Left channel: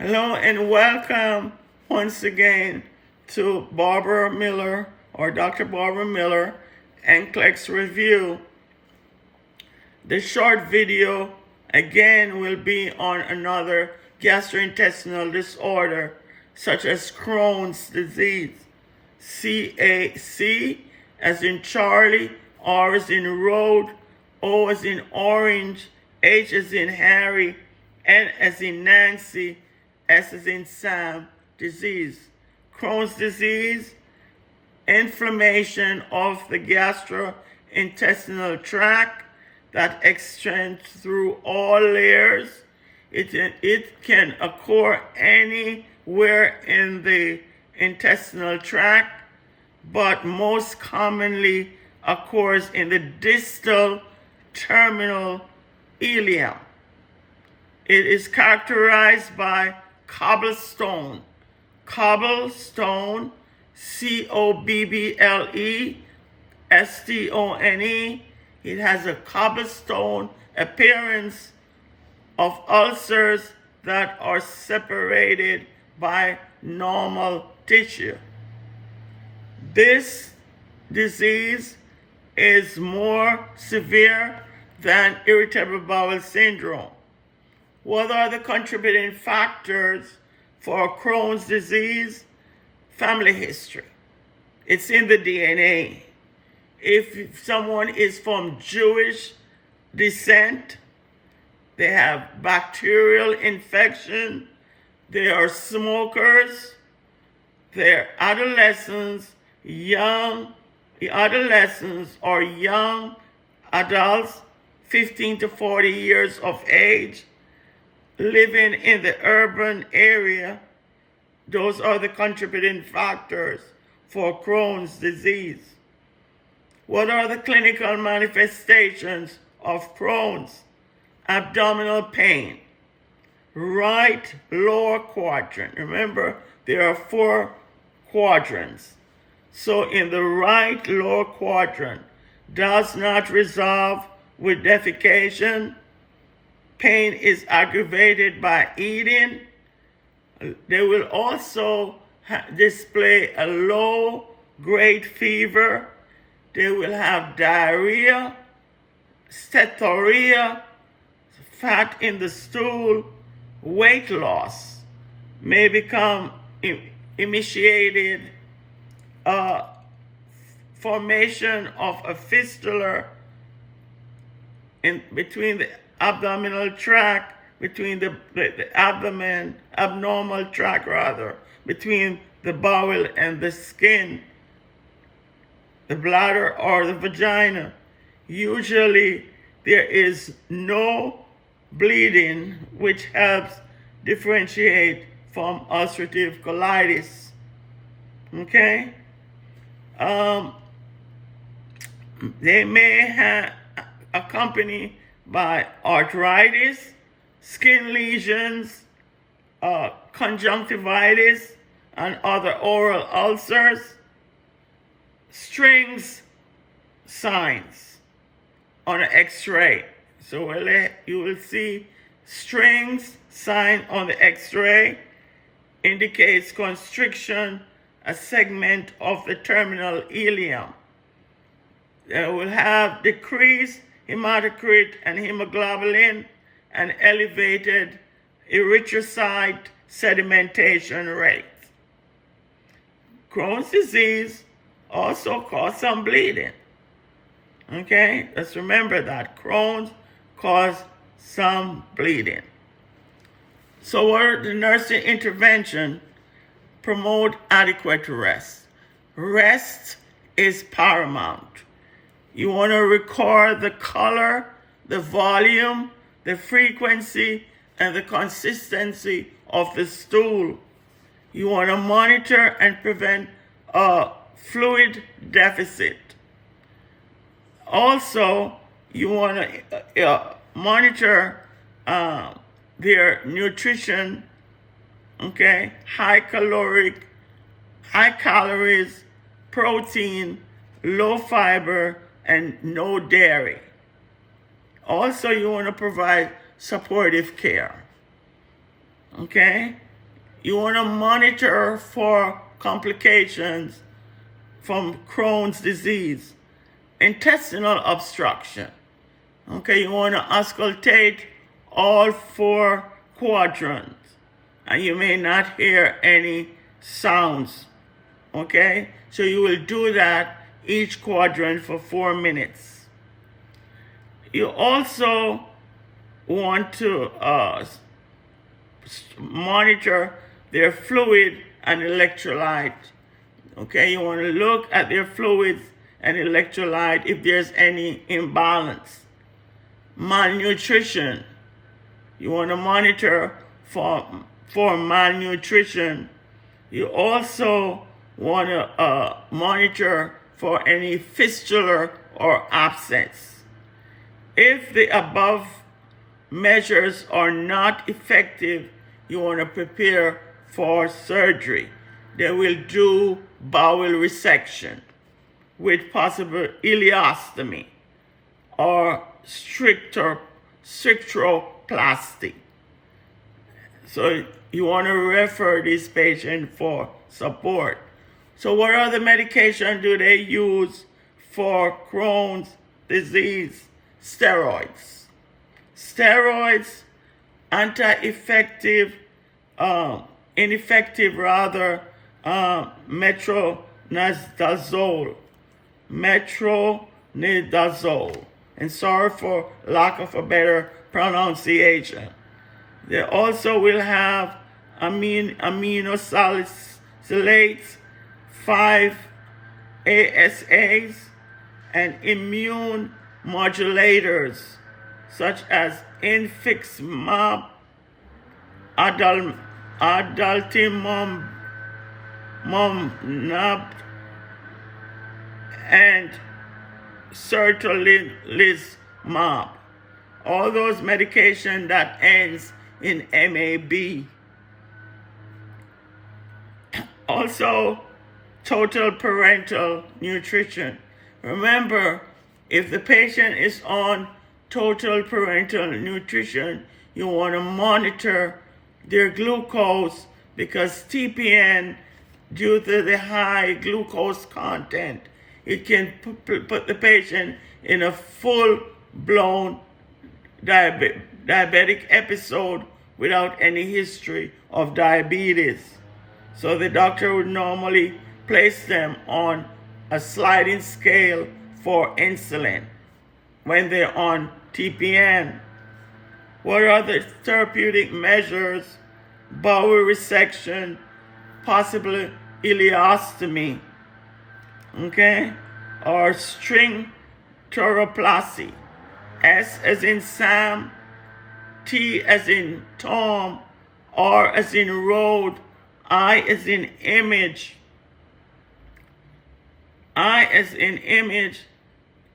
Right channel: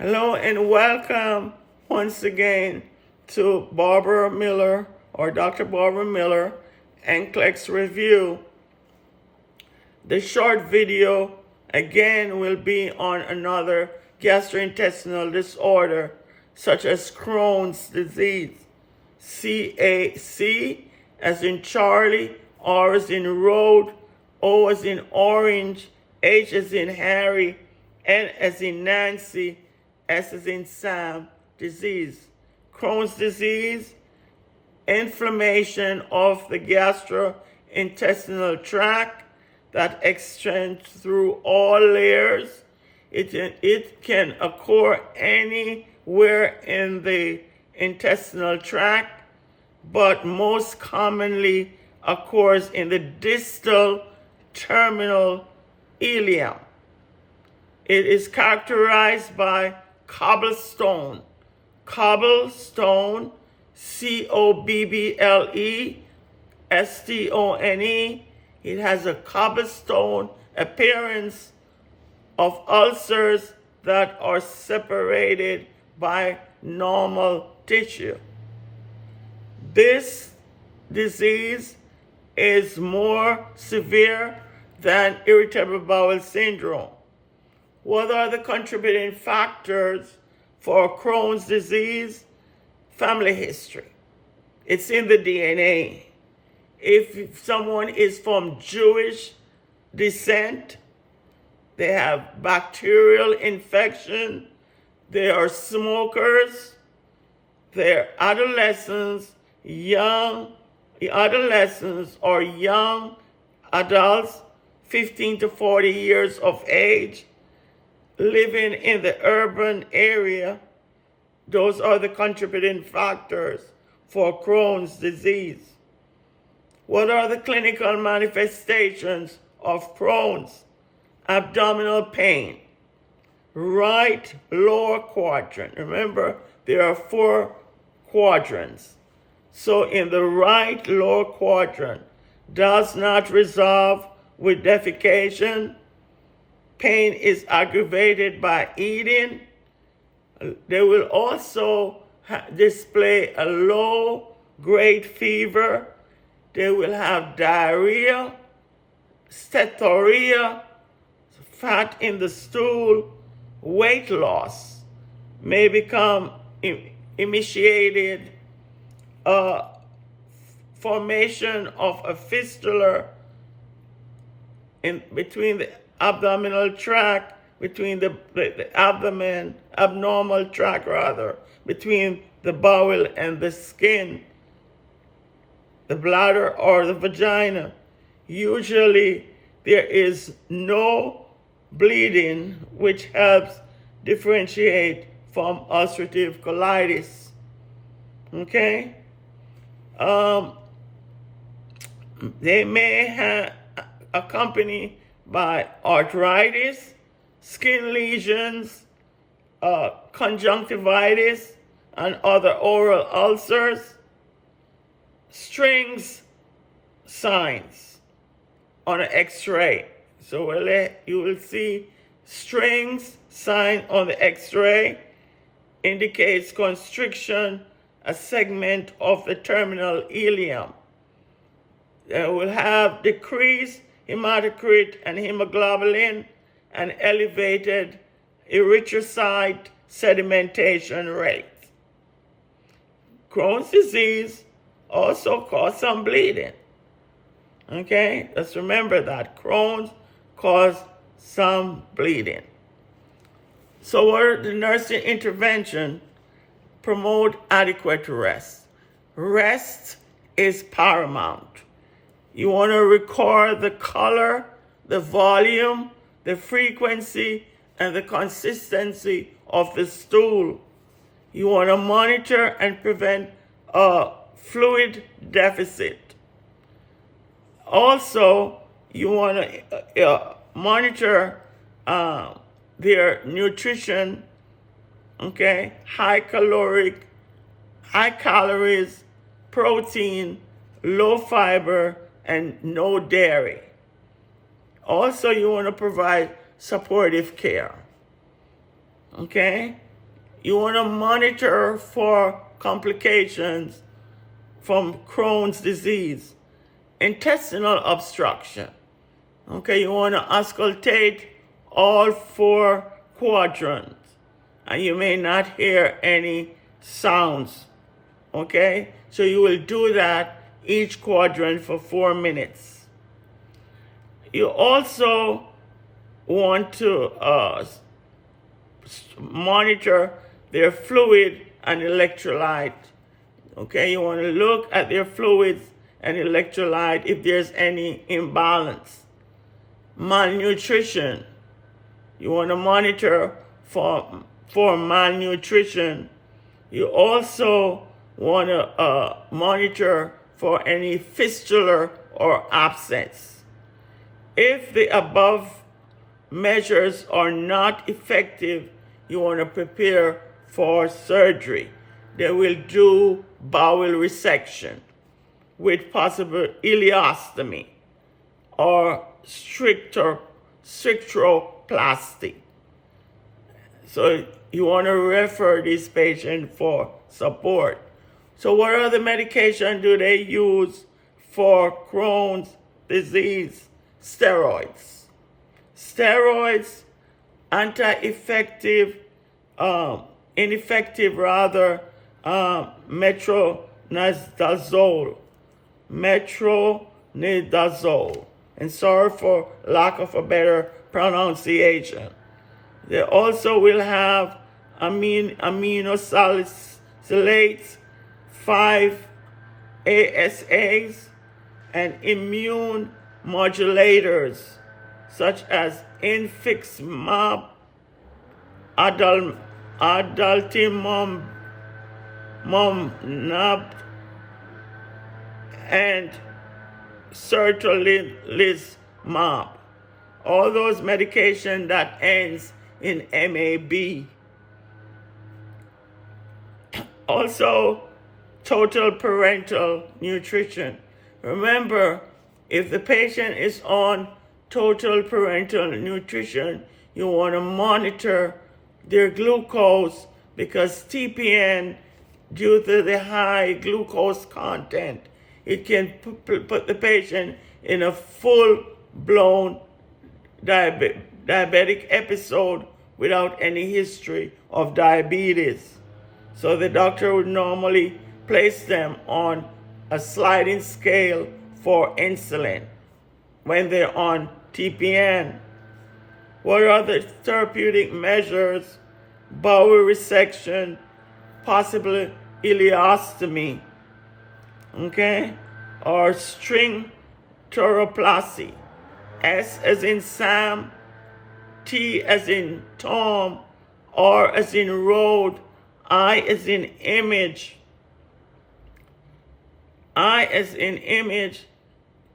Hello and welcome once again to Barbara Miller or Dr. Barbara Miller NCLEX Review. The short video again will be on another gastrointestinal disorder such as Crohn's disease. CAC as in Charlie, R as in road, O as in orange, H as in Harry, N as in Nancy, S as in Sam disease. Crohn's disease, inflammation of the gastrointestinal tract that extends through all layers. It can occur anywhere in the intestinal tract, but most commonly occurs in the distal terminal ileum. It is characterized by cobblestone, C-O-B-B-L-E, S-T-O-N-E. It has a cobblestone appearance of ulcers that are separated by normal tissue. This disease is more severe than irritable bowel syndrome. What are the contributing factors for Crohn's disease? Family history. It's in the DNA. If someone is from Jewish descent, they have bacterial infection, they are smokers, they're adolescents or young adults, 15 to 40 years of age, living in the urban area. Those are the contributing factors for Crohn's disease. What are the clinical manifestations of Crohn's? Abdominal pain, right lower quadrant. Remember, there are 4 quadrants. So in the right lower quadrant, does not resolve with defecation. Pain is aggravated by eating. They will also display a low-grade fever. They will have diarrhea, steatorrhea, fat in the stool, weight loss, may become initiated, formation of a fistula in between the abdominal tract, between the abnormal tract rather, between the bowel and the skin, the bladder or the vagina. Usually there is no bleeding, which helps differentiate from ulcerative colitis. Okay? They may have accompanied by arthritis, skin lesions, conjunctivitis, and other oral ulcers. Strings signs on an X-ray. So you will see strings sign on the X-ray, indicates constriction, a segment of the terminal ileum. They will have decreased hematocrit and hemoglobin and elevated erythrocyte sedimentation rate. Crohn's disease also causes some bleeding. Okay, let's remember that Crohn's causes some bleeding. So what are the nursing intervention? Promote adequate rest. Rest is paramount. You want to record the color, the volume, the frequency, and the consistency of the stool. You want to monitor and prevent a fluid deficit. Also, you want to monitor their nutrition, okay? High calories, protein, low fiber, and no dairy. Also, you want to provide supportive care. Okay? You want to monitor for complications from Crohn's disease, intestinal obstruction. Okay, you want to auscultate all 4 quadrants, and you may not hear any sounds. Okay, so you will do that each quadrant for 4 minutes. You also want to monitor their fluid and electrolyte. Okay, you want to look at their fluids and electrolyte if there's any imbalance. Malnutrition. You want to monitor for malnutrition. You also want to monitor for any fistula or abscess. If the above measures are not effective, you want to prepare for surgery. They will do bowel resection with possible ileostomy or stricturoplasty. So you want to refer this patient for support. So what other medication do they use for Crohn's disease? Steroids. Steroids, ineffective rather, metronidazole. And sorry for lack of a better pronunciation. They also will have aminosalicylates, 5-ASAs, and immune modulators such as infliximab, adalimumab, and certolizumab. All those medications that ends in MAB. Also, total parental nutrition. Remember, if the patient is on total parental nutrition, you want to monitor their glucose, because TPN, due to the high glucose content, it can put the patient in a full-blown diabetic episode without any history of diabetes. So the doctor would normally place them on a sliding scale for insulin when they're on TPN. What are the therapeutic measures? Bowel resection, possibly ileostomy, okay, or stricturoplasty. S as in Sam, T as in Tom, R as in road, I as in image, I as in image,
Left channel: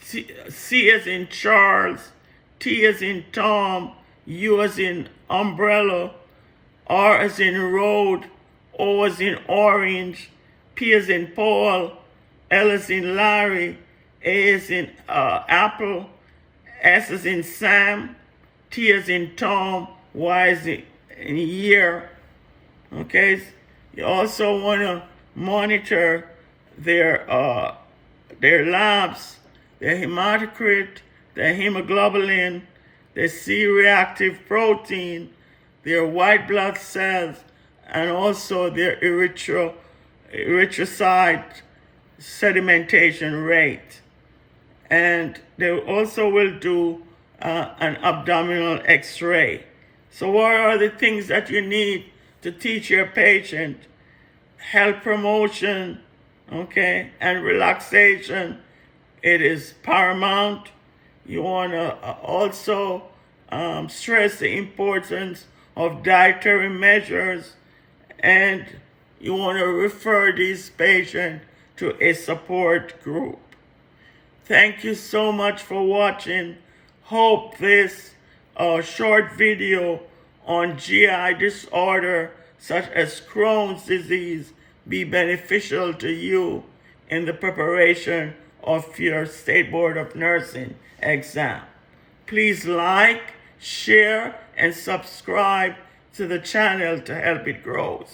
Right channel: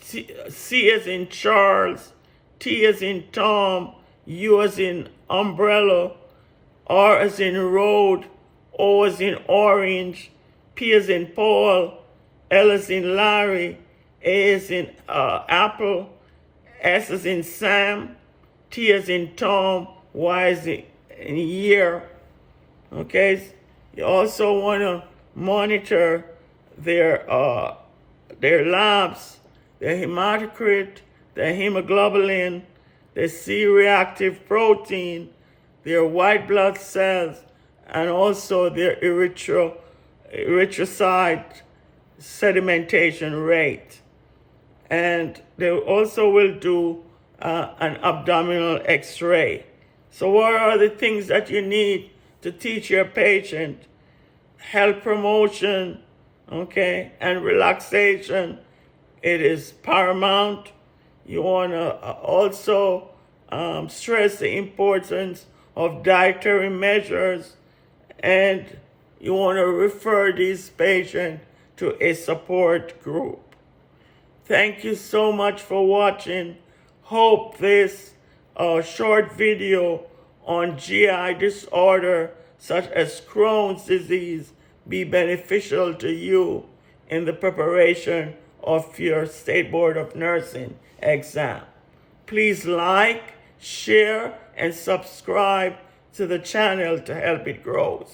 C as in Charles, T as in Tom, U as in umbrella, R as in road, O as in orange, P as in Paul, L as in Larry, A as in apple, S as in Sam, T as in Tom, Y as in year. Okay, you also want to monitor their labs, their hematocrit, their hemoglobin, their C-reactive protein, their white blood cells, and also their erythrocyte sedimentation rate. And they also will do an abdominal x-ray. So what are the things that you need to teach your patient? Health promotion, okay, and relaxation. It is paramount. You want to also stress the importance of dietary measures, and you want to refer these patients to a support group. Thank you so much for watching. Hope this short video on GI disorder such as Crohn's disease be beneficial to you in the preparation of your State Board of Nursing exam. Please like, share, and subscribe to the channel to help it grow.